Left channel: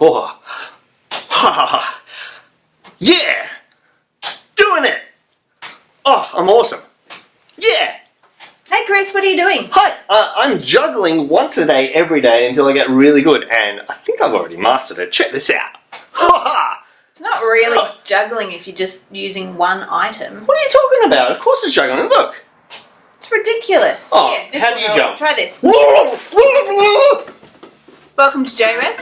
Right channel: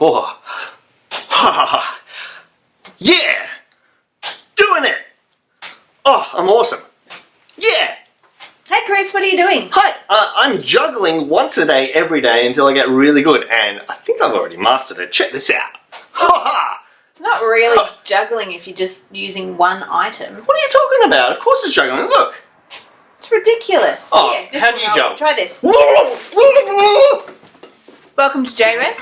Oh. Yeah! Doing it! Oh, I'm awesome. Yeah! Hey Chris, what are you doing? Hi, I'm juggling once a day, every day, until I get really good, and I think I've already mastered it. Check this out. Ha It's not really juggling if you're just using one item. What are you talking about? Of course it's juggling. Look. It's ridiculous. Oh, Yeah, this how one do you I'll jump? Try this. Welcome to JRev.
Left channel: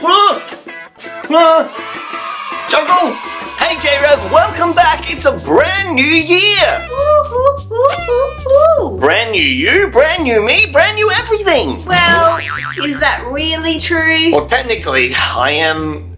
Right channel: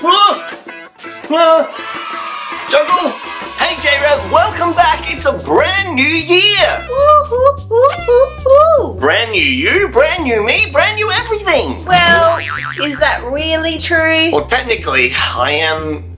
Juggle! Hey JRev, welcome back! It's a brand new year! Brand new you, brand new me, brand new everything! Well, is that really true? Well, technically, I am,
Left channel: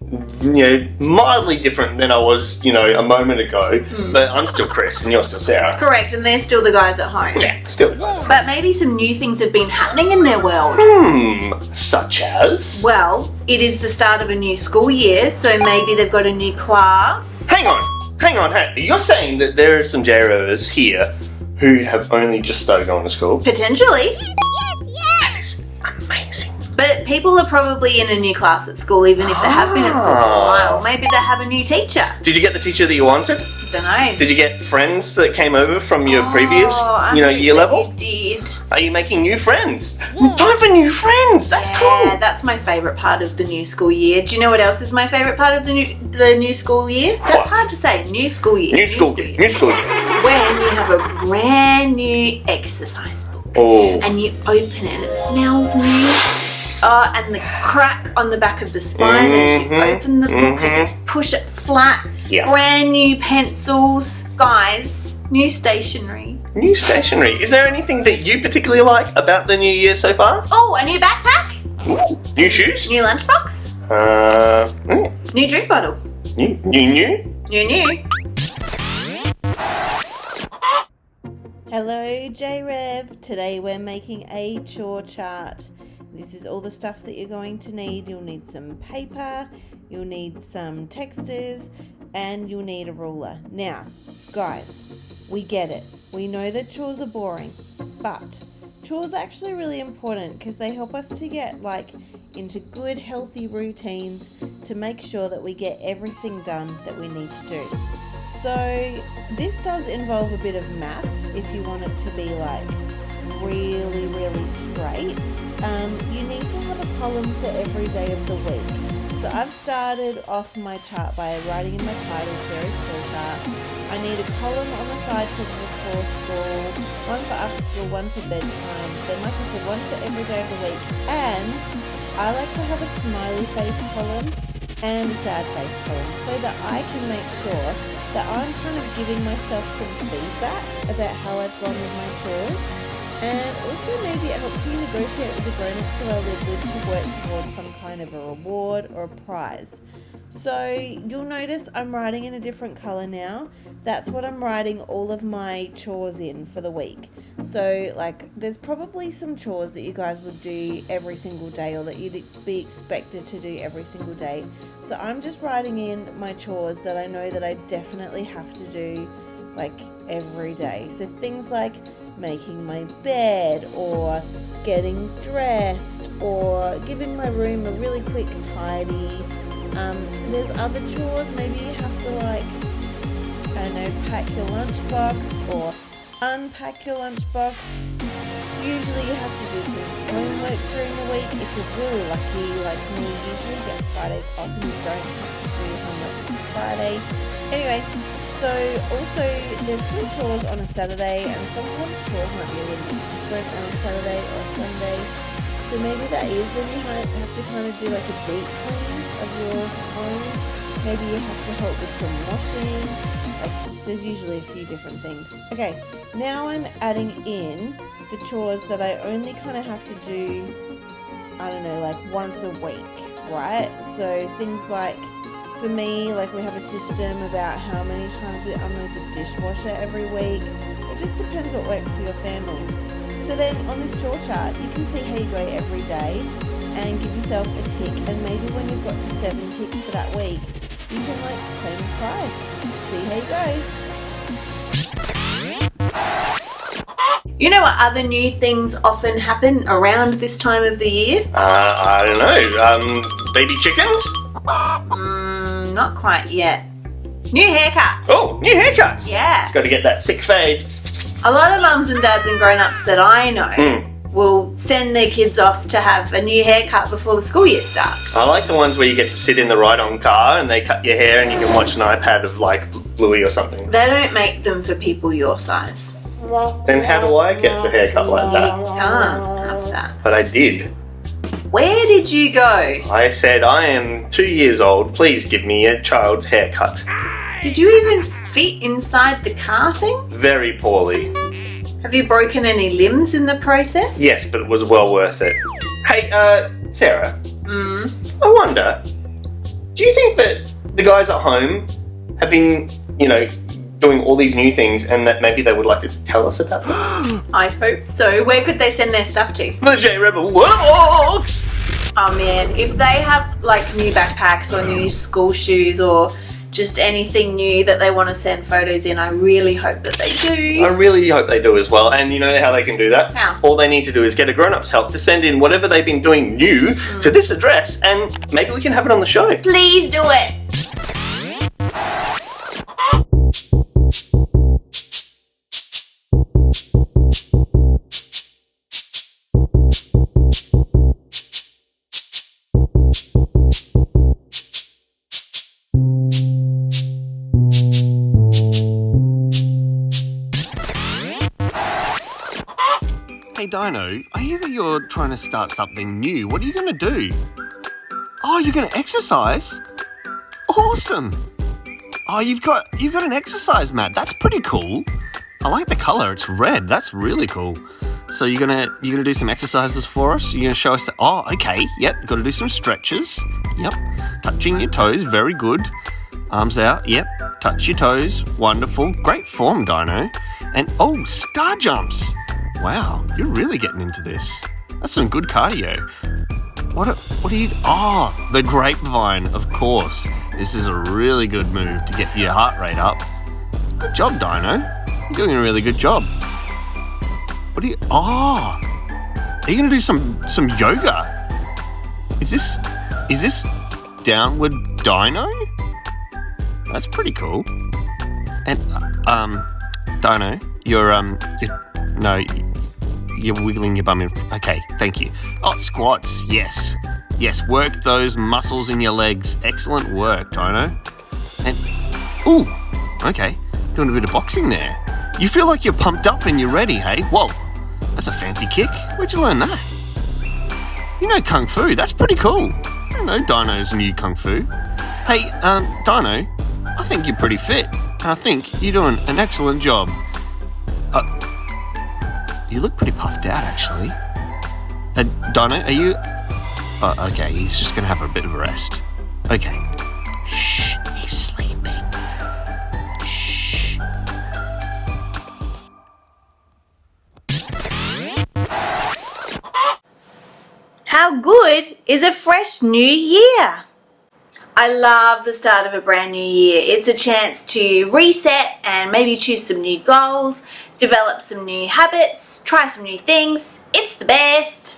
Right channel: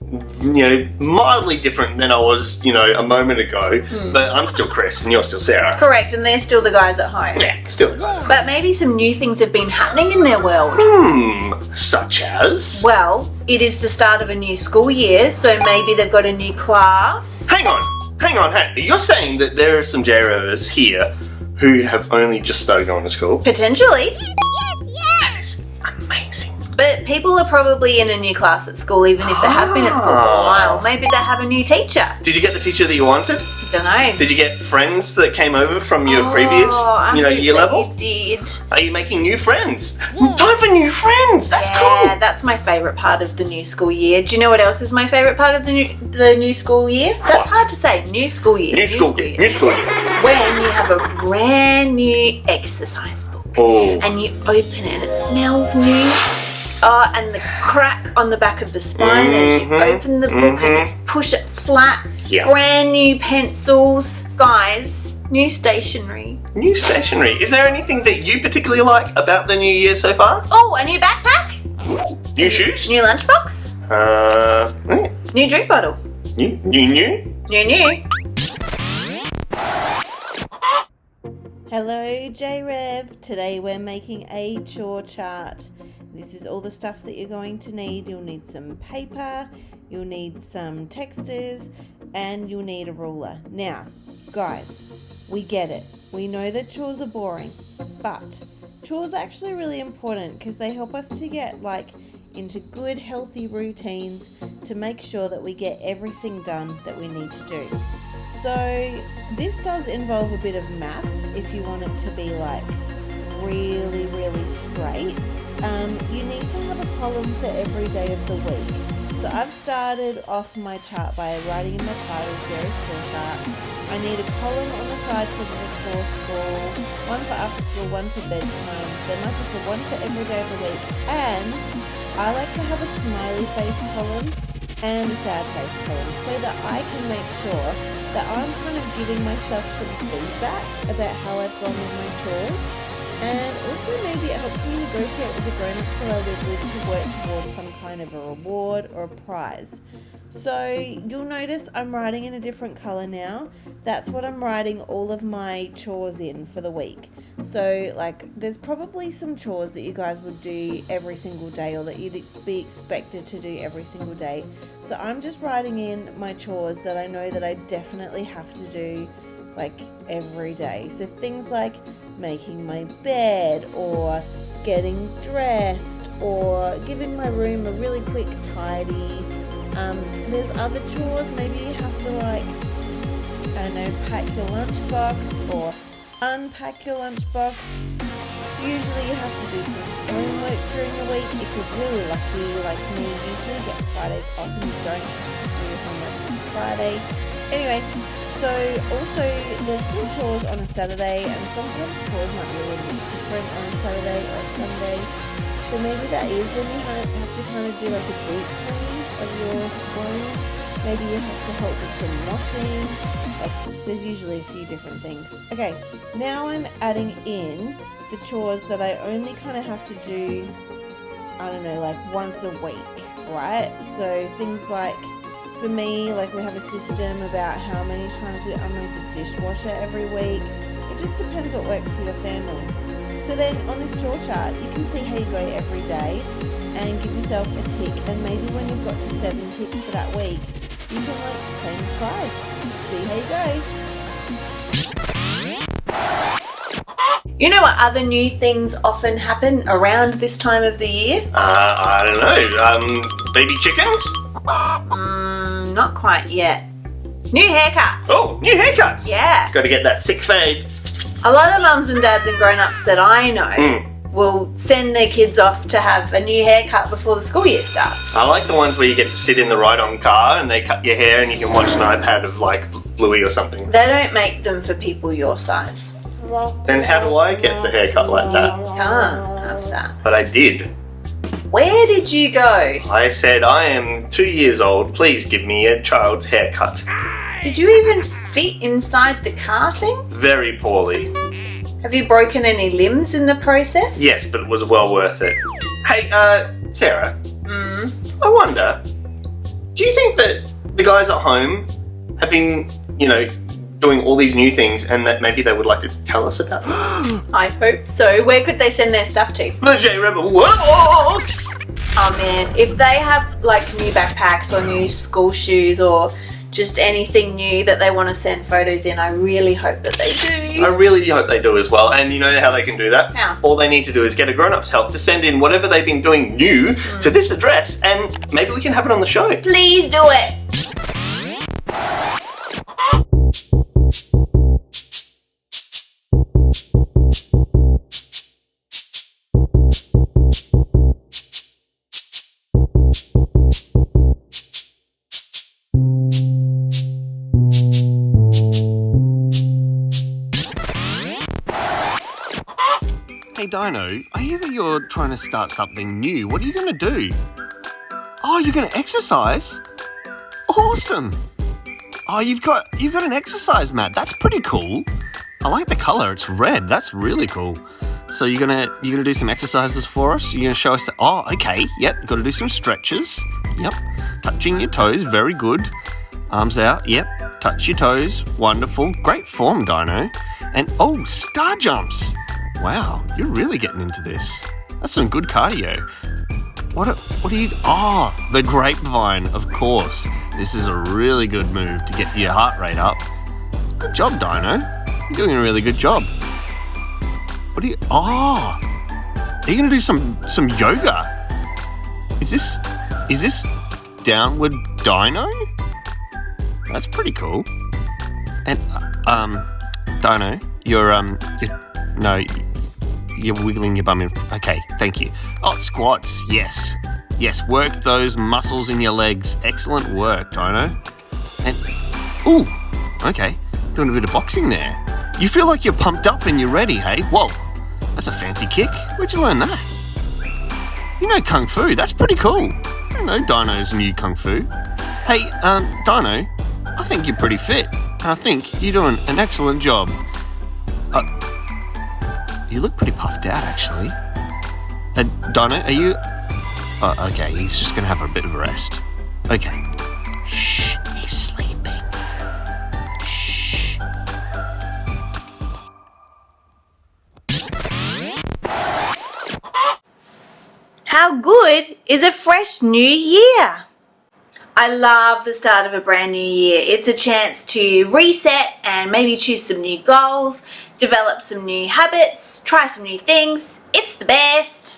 mildly different than I was, a moment ago, but I'm still Chris and you're still Sarah. Correct, and they're still the guys at home. Yeah, still. But maybe some new things have been happening in their world. Such as? Well, it is the start of a new school year, so maybe they've got a new class. Hang on. You're saying that there are some JRevers here who have only just started going to school? Potentially. That is amazing. But people are probably in a new class at school, even if they have been at school for a while. Maybe they have a new teacher. Did you get the teacher that you wanted? Don't know. Did you get friends that came over from your previous, year level? You did. Are you making new friends? Time for new friends. That's cool. That's my favourite part of the new school year. Do you know what else is my favourite part of the new school year? That's hard to say. New school year. New school year. New school year. When you have a brand new exercise book. Oh. And you open it and it smells new. Oh, and the crack on the back of the spine as you open the book and you push it flat. Yeah. Brand new pencils. Guys, new stationery. New stationery. Is there anything that you particularly like about the new year so far? Oh, a new backpack. New shoes? New lunchbox. New drink bottle. New. New. Hello JRev, today we're making a chore chart. This is all the stuff that you're going to need. You'll need some paper, you'll need some texters, and you'll need a ruler. Now, guys, we get it. We know that chores are boring, but chores are actually really important because they help us to get into good, healthy routines to make sure that we get everything done that we need to do. So this does involve a bit of maths if you want it to be really, really straight. You need to have a column for every day of the week. So I've started off my chart by writing in my title, Sarah's Chore Chart. I need a column on the side for before school, one for after school, one for bedtime, then like I said, one for every day of the week. And I like to have a smiley face column and a sad face column so that I can make sure that I'm kind of giving myself some feedback about how I've gone with my chores. And also maybe it helps me negotiate with the grown-ups that I live with to work towards some kind of a reward or a prize. So you'll notice I'm writing in a different colour now. That's what I'm writing all of my chores in for the week. So there's probably some chores that you guys would do every single day or that you'd be expected to do every single day. So I'm just writing in my chores that I know that I definitely have to do every day. So things like making my bed or getting dressed or giving my room a really quick tidy. There's other chores. Maybe you have to pack your lunchbox or unpack your lunchbox. Usually you have to do some homework during the week. If you're really lucky like me, usually you get Fridays off and you don't have to do homework on Friday. Anyway, so also there's still chores on a Saturday, and sometimes chores might be a little bit different on a Saturday or a Sunday. So maybe that is when you have to kind of do a deep clean of your room. Maybe you have to help with some washing. There's usually a few different things. Okay, now I'm adding in the chores that I only kind of have to do, once a week, right? So things for me, we have a system about how many times we unload the dishwasher every week. It just depends what works for your family. So then on this chore chart, you can see how you go every day and give yourself a tick. And maybe when you've got to 7 ticks for that week, you can claim a prize. See how you go. You know what other new things often happen around this time of the year? I don't know. Baby chickens? Not quite yet. New haircuts. Oh, new haircuts. Yeah. Got to get that sick fade. A lot of mums and dads and grown-ups that I know will send their kids off to have a new haircut before the school year starts. I like the ones where you get to sit in the ride-on car and they cut your hair and you can watch an iPad of like Bluey or something. They don't make them for people your size. Then how do I get the haircut like that? That's that. But I did. Where did you go? I said, I am 2 years old. Please give me a child's haircut. Did you even fit inside the car thing? Very poorly. Have you broken any limbs in the process? Yes, but it was well worth it. Hey, Sarah. I wonder, do you think that the guys at home have been, doing all these new things and that maybe they would like to tell us about them? I hope so. Where could they send their stuff to? The JRev Workbox! Oh man, if they have like new backpacks or new school shoes or just anything new that they want to send photos in, I really hope that they do. I really hope they do as well. And you know how they can do that? How? All they need to do is get a grown-up's help to send in whatever they've been doing new to this address and maybe we can have it on the show. Please do it. Hey Dino, I hear that you're trying to start something new. What are you going to do? Oh, you're going to exercise? Awesome! Oh, you've got an exercise mat. That's pretty cool. I like the color. It's red. That's really cool. So you're gonna do some exercises for us? You're gonna show us. Oh, okay. Yep. Got to do some stretches. Yep. Touching your toes. Very good. Arms out. Yep. Touch your toes. Wonderful. Great form, Dino. And oh, star jumps. Wow, you're really getting into this. That's some good cardio. What are you... Oh, the grapevine, of course. This is a really good move to get your heart rate up. Good job, Dino. You're doing a really good job. What are you... Oh, are you going to do some yoga? Is this downward Dino? That's pretty cool. And, Dino, you're wiggling your bum in... Okay, thank you. Oh, squats, yes. Yes, work those muscles in your legs. Excellent work, Dino. And... Ooh, okay. Doing a bit of boxing there. You feel like you're pumped up and you're ready, hey? Whoa, that's a fancy kick. Where'd you learn that? You know Kung Fu. That's pretty cool. I know Dino's new Kung Fu. Hey, Dino, I think you're pretty fit. And I think you're doing an excellent job. You look pretty puffed out, actually. Dino, are you... Oh, okay, he's just going to have a bit of a rest. Okay. Shh, he's sleeping. Shh. How good is a fresh new year? I love the start of a brand new year. It's a chance to reset and maybe choose some new goals, develop some new habits, try some new things. It's the best.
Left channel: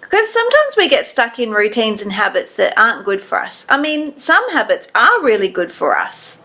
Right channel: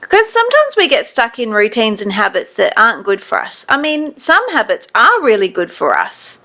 Because sometimes we get stuck in routines and habits that aren't good for us. I mean, some habits are really good for us.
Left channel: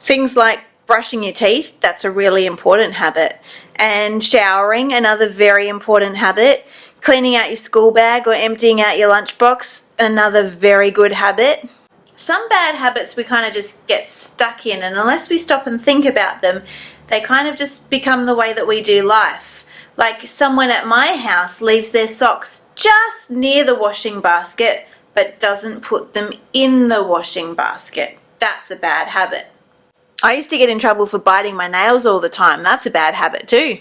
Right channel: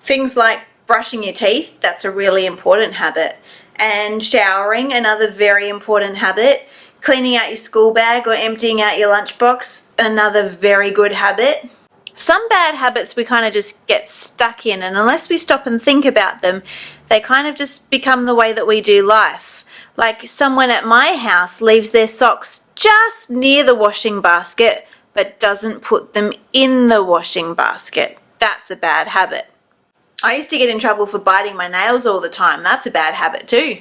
Things like brushing your teeth, that's a really important habit. And showering, another very important habit. Cleaning out your school bag or emptying out your lunchbox, another very good habit. Some bad habits we kind of just get stuck in, and unless we stop and think about them, they kind of just become the way that we do life. Like someone at my house leaves their socks just near the washing basket, but doesn't put them in the washing basket. That's a bad habit. I used to get in trouble for biting my nails all the time. That's a bad habit too.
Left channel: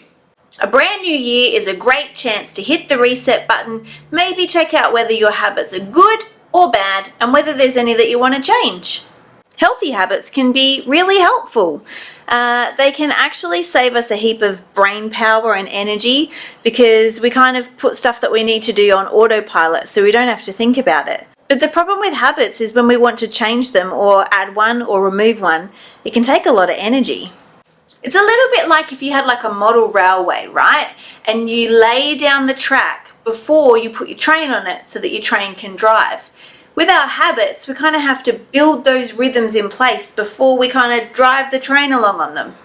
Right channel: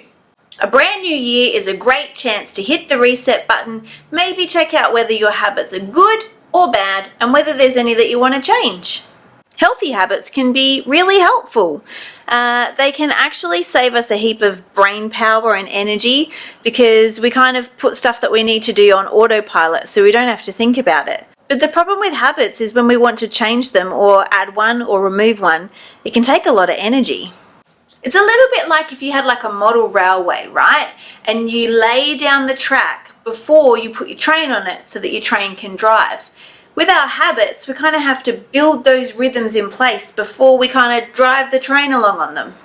A brand new year is a great chance to hit the reset button, maybe check out whether your habits are good or bad and whether there's any that you want to change. Healthy habits can be really helpful. They can actually save us a heap of brain power and energy because we kind of put stuff that we need to do on autopilot so we don't have to think about it. But the problem with habits is when we want to change them or add one or remove one, it can take a lot of energy. It's a little bit like if you had like a model railway, right? And you lay down the track before you put your train on it so that your train can drive. With our habits, we kind of have to build those rhythms in place before we kind of drive the train along on them.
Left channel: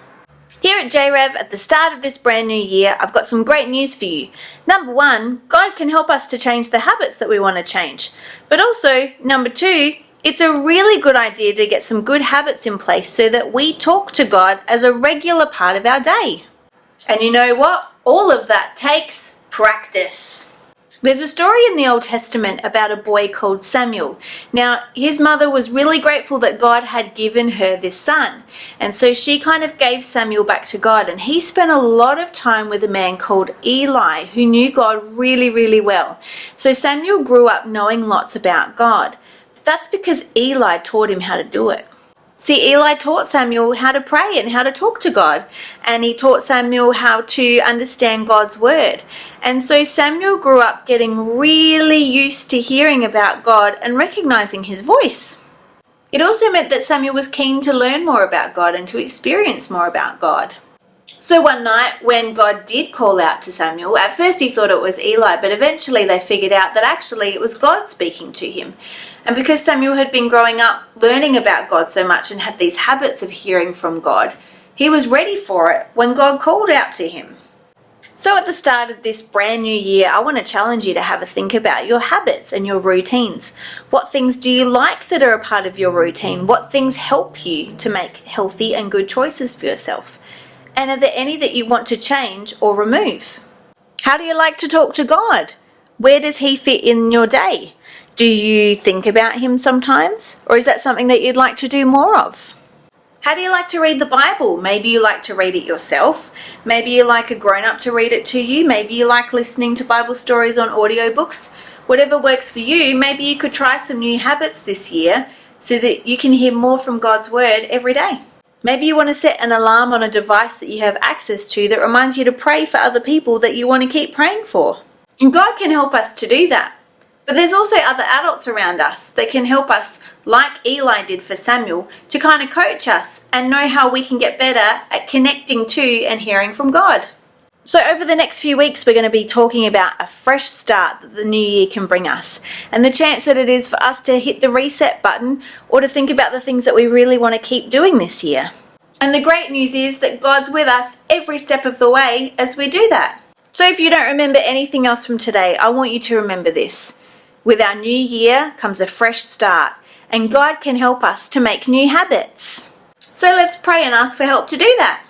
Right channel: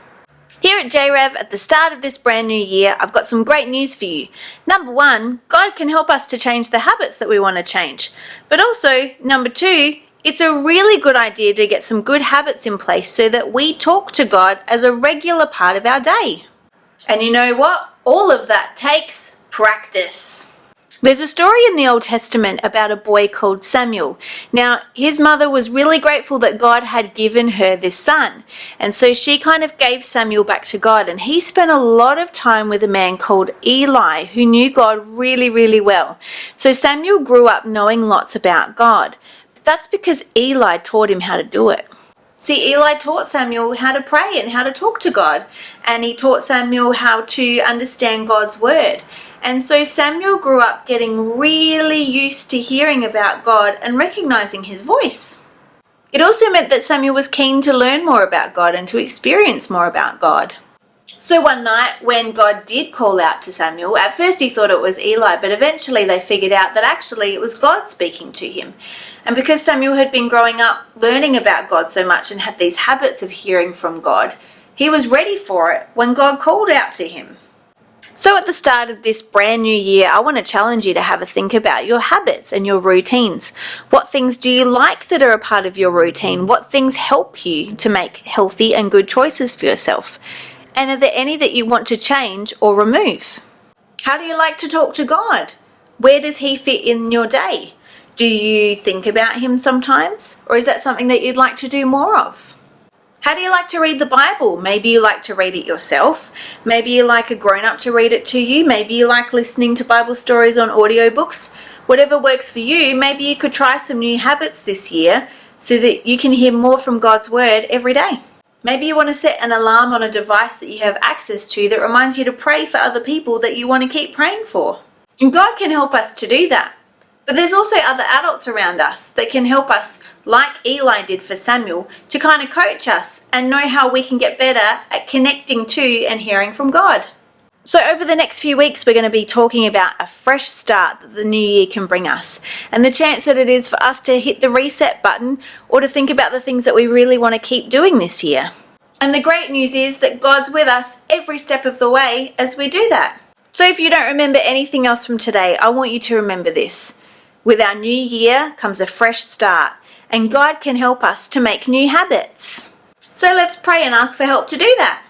Here at JRev, at the start of this brand new year, I've got some great news for you. Number one, God can help us to change the habits that we want to change. But also, number two, it's a really good idea to get some good habits in place so that we talk to God as a regular part of our day. And you know what? All of that takes practice. There's a story in the Old Testament about a boy called Samuel. Now, his mother was really grateful that God had given her this son. And so she kind of gave Samuel back to God. And he spent a lot of time with a man called Eli, who knew God really, really well. So Samuel grew up knowing lots about God. That's because Eli taught him how to do it. See, Eli taught Samuel how to pray and how to talk to God. And he taught Samuel how to understand God's word. And so Samuel grew up getting really used to hearing about God and recognizing his voice. It also meant that Samuel was keen to learn more about God and to experience more about God. So one night when God did call out to Samuel, at first he thought it was Eli, but eventually they figured out that actually it was God speaking to him. And because Samuel had been growing up learning about God so much and had these habits of hearing from God, he was ready for it when God called out to him. So at the start of this brand new year, I want to challenge you to have a think about your habits and your routines. What things do you like that are a part of your routine? What things help you to make healthy and good choices for yourself? And are there any that you want to change or remove? How do you like to talk to God? Where does he fit in your day? Do you think about him sometimes? Or is that something that you'd like to do more of? How do you like to read the Bible? Maybe you like to read it yourself. Maybe you like a grown-up to read it to you. Maybe you like listening to Bible stories on audiobooks. Whatever works for you, maybe you could try some new habits this year so that you can hear more from God's word every day. Maybe you want to set an alarm on a device that you have access to that reminds you to pray for other people that you want to keep praying for. And God can help us to do that. But there's also other adults around us that can help us, like Eli did for Samuel, to kind of coach us and know how we can get better at connecting to and hearing from God. So over the next few weeks, we're going to be talking about a fresh start that the new year can bring us, and the chance that it is for us to hit the reset button or to think about the things that we really want to keep doing this year. And the great news is that God's with us every step of the way as we do that. So if you don't remember anything else from today, I want you to remember this. With our new year comes a fresh start, and God can help us to make new habits. So let's pray and ask for help to do that.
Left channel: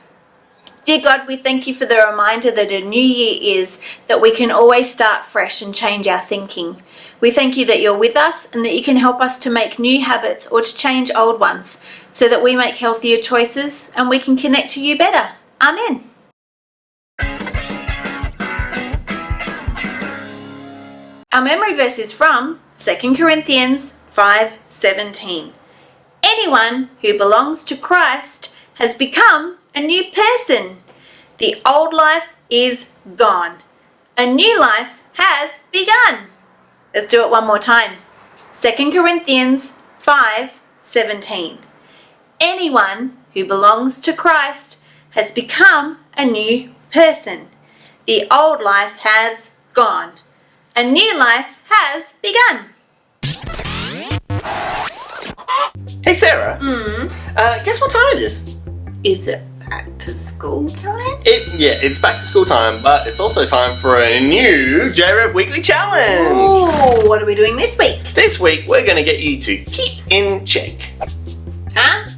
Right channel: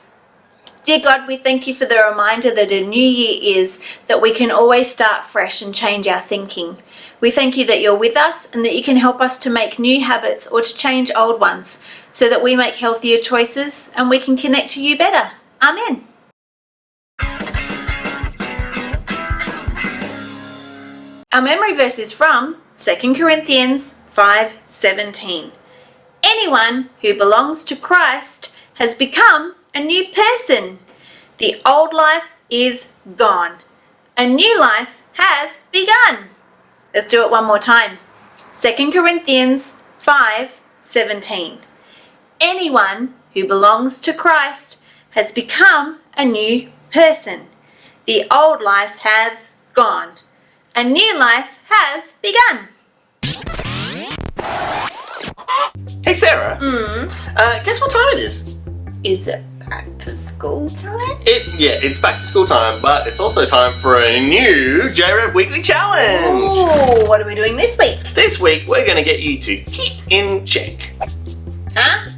Dear God, we thank you for the reminder that a new year is that we can always start fresh and change our thinking. We thank you that you're with us and that you can help us to make new habits or to change old ones so that we make healthier choices and we can connect to you better. Amen. Our memory verse is from 2 Corinthians 5:17. Anyone who belongs to Christ has become a new person. The old life is gone. A new life has begun. Let's do it one more time. 2 Corinthians 5:17. Anyone who belongs to Christ has become a new person. The old life has gone. A new life has begun. Hey Sarah, guess what time it is? Is it back to school time? It's back to school time, but it's also time for a new JRev Weekly Challenge. Ooh, what are we doing this week? This week we're going to get you to keep in check. Huh?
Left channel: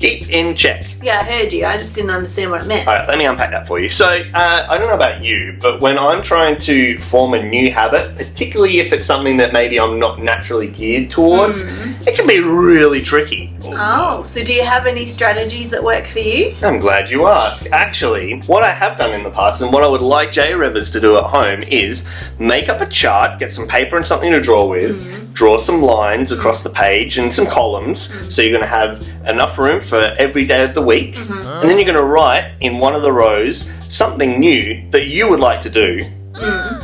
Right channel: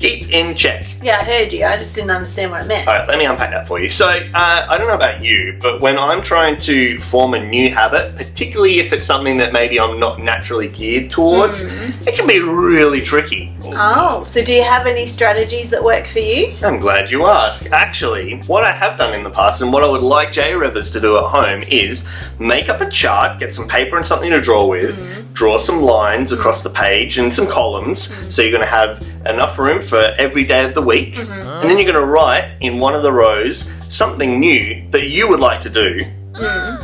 Keep in check. Yeah, I heard you. I just didn't understand what it meant. Alright, let me unpack that for you. So, I don't know about you, but when I'm trying to form a new habit, particularly if it's something that maybe I'm not naturally geared towards, it can be really tricky. Oh, so do you have any strategies that work for you? I'm glad you asked. Actually, what I have done in the past and what I would like JRevers to do at home is make up a chart, get some paper and something to draw with, draw some lines across the page and some columns, so you're going to have enough room for every day of the week, and then you're going to write in one of the rows something new that you would like to do,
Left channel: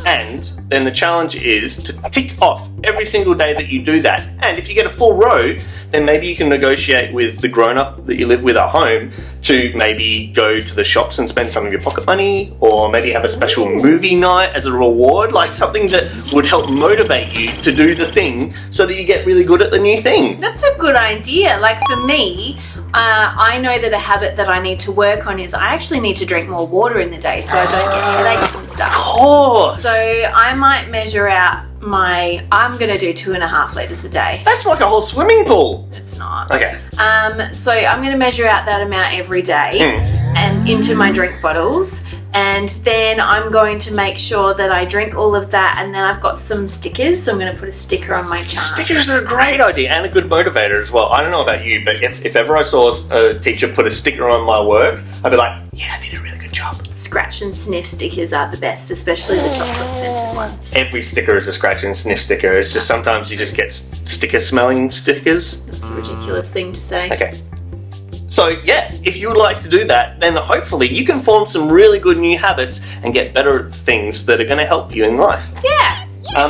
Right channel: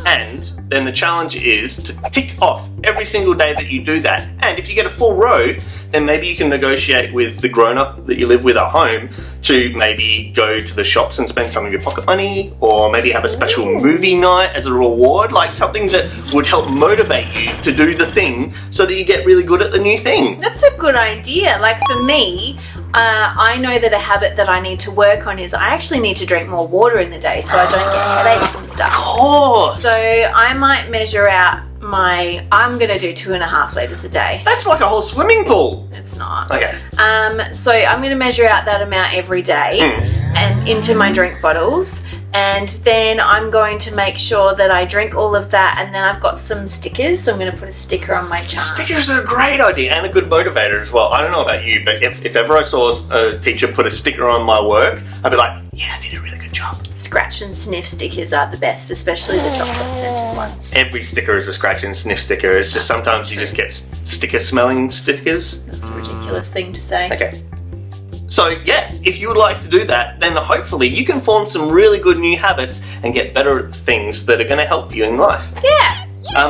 And then the challenge is to tick off every single day that you do that. And if you get a full row, then maybe you can negotiate with the grown-up that you live with at home to maybe go to the shops and spend some of your pocket money, or maybe have a special movie night as a reward, like something that would help motivate you to do the thing so that you get really good at the new thing. That's a good idea. Like for me, I know that a habit that I need to work on is I actually need to drink more water in the day so I don't get headaches and stuff. Of course! So I might measure out I'm going to do 2.5 litres a day. That's like a whole swimming pool. It's not. Okay. So I'm going to measure out that amount every day and into my drink bottles, and then I'm going to make sure that I drink all of that, and then I've got some stickers, so I'm going to put a sticker on my chart. Stickers are a great idea and a good motivator as well. I don't know about you, but if ever I saw a teacher put a sticker on my work, I'd be like, yeah, I did a really good job. Scratch and sniff stickers are the best, especially the chocolate scented ones. Every sticker is a scratch and sniff sticker. It's just sometimes you just get sticker smelling stickers. That's a ridiculous thing to say. Okay. So yeah, if you would like to do that, then hopefully you can form some really good new habits and get better at things that are going to help you in life. Yeah.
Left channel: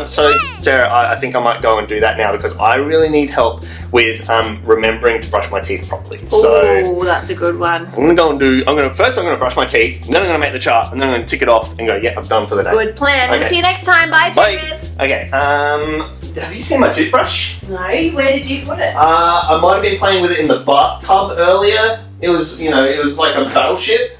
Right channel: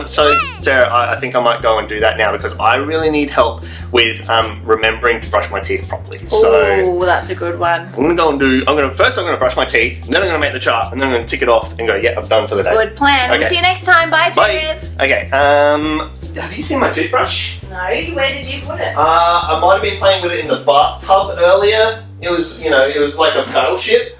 So Sarah, I think I might go and do that now because I really need help with remembering to brush my teeth properly. So Oh, that's a good one. I'm going to first brush my teeth, then I'm going to make the chart, and then I'm going to tick it off and go, yeah, I'm done for the day. Good plan. Okay. We'll see you next time. Bye, Bye. JRev. Okay, have you seen my toothbrush? No, where did you put it? I might have been playing with it in the bathtub earlier. It was like a battleship.